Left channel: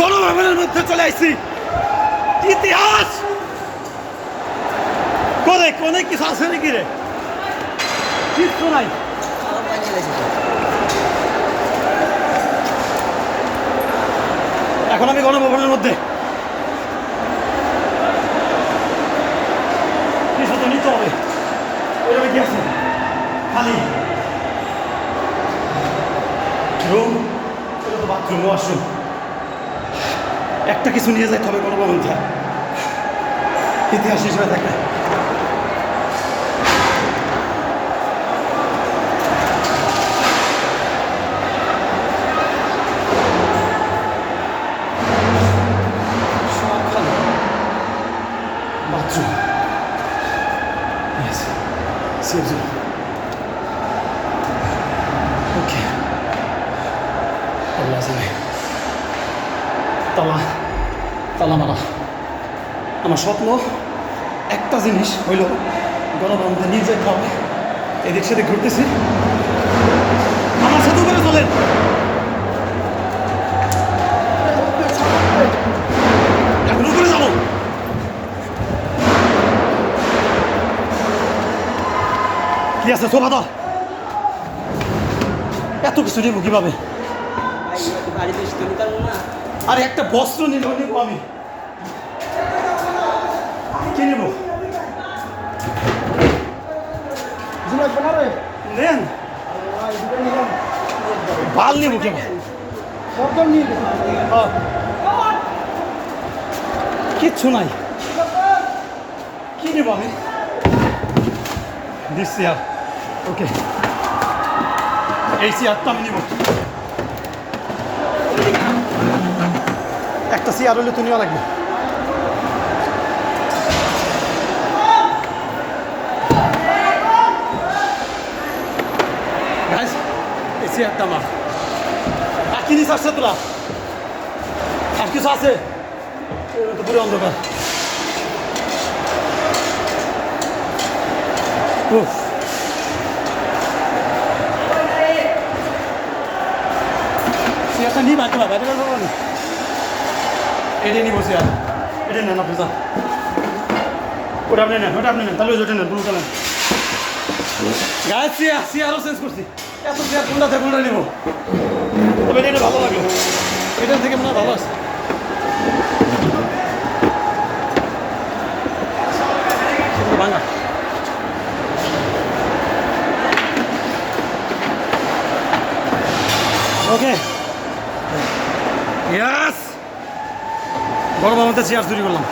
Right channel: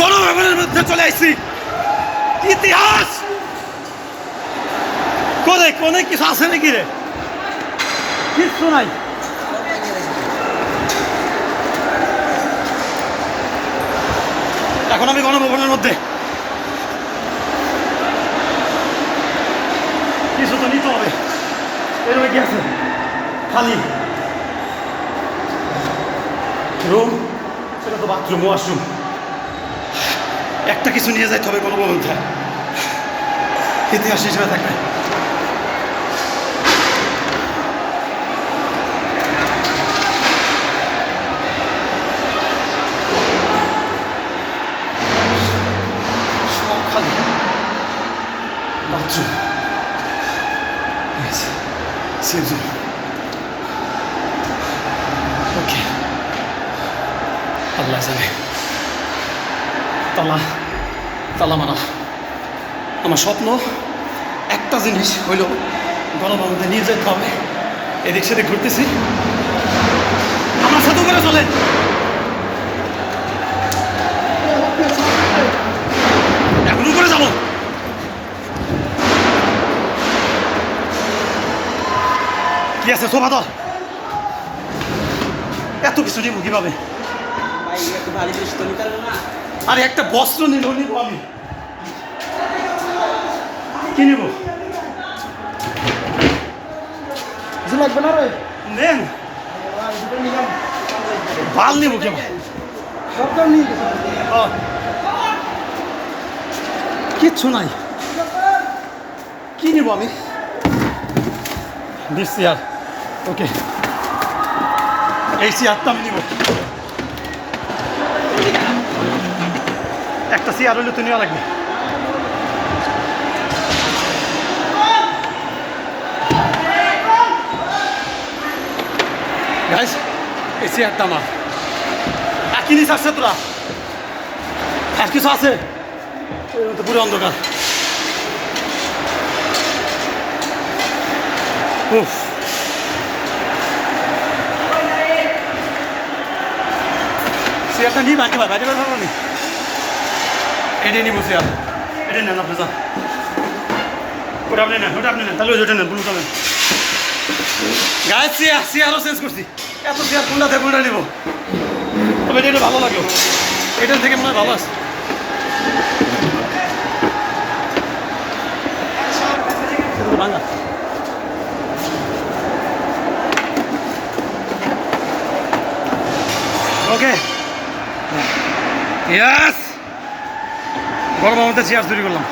গণভবনের মধ্যে চলে আসছি। ইতিহাস করে কোনে কিছু আছে নাকি রে? কিচ্ছু নাই। এখন আমি গণভবনের মধ্যে, কিছু তো নিতে হবে। কি আছে? খালি রুম, বাথরুম, ওয়াশরুম, একটা কিছু নিয়ে যাইতে হবে গণভবন থেকে, ইতিহাস হিসেবে থাকবে। সব খালি বাথরুম, ওকে, আল্লাহ জানে। তালা তালা মারা। আমার স্বপ্ন একটা জিনিস হইল গণভবনে নিয়ে যেতে হবে। এদিক সেদিক ঘুরতেছি, আমার সাথে করে চলে। এখন করে যাবো। কি আছে সোফা দল? এত কিছু নিব কিভাবে? আরে একটা বস্ত্র নিব আমি। কি নিব? নেন বাল নিব কেমন? কিচ্ছু নাই। কি নিব আমি? দিস চেয়ার, ওকে, এই চেয়ারটা আমি নিব। একটা চেয়ার হলে তো নেওয়া লাগবে। এই চেয়ারটা আমার। আর কি নিস আসছে তোরা? আর কিছু আছে? পুরো অন্ধকার। চেয়ারটা নিই বাইরে বাইরে বাইরে নি, এটাই নিবো চেয়ার। এটা নেন আপনি, যান। ওটা আপনি নেন, ওটা আপনি নেন, তাহলে ওটা নেন, ব্লুটা নেন। গায়ে চেয়ারও চেঞ্জ করছি। এত চেয়ার কোনটা থেকে কোনটা নিবো? তবে এটা ভালো লাগে, এটার থেকে মনে হয় ভালো আছে। ভাঙা ওকে, ইয়েস। গরমের মধ্যে চেয়ার চুরি করলাম।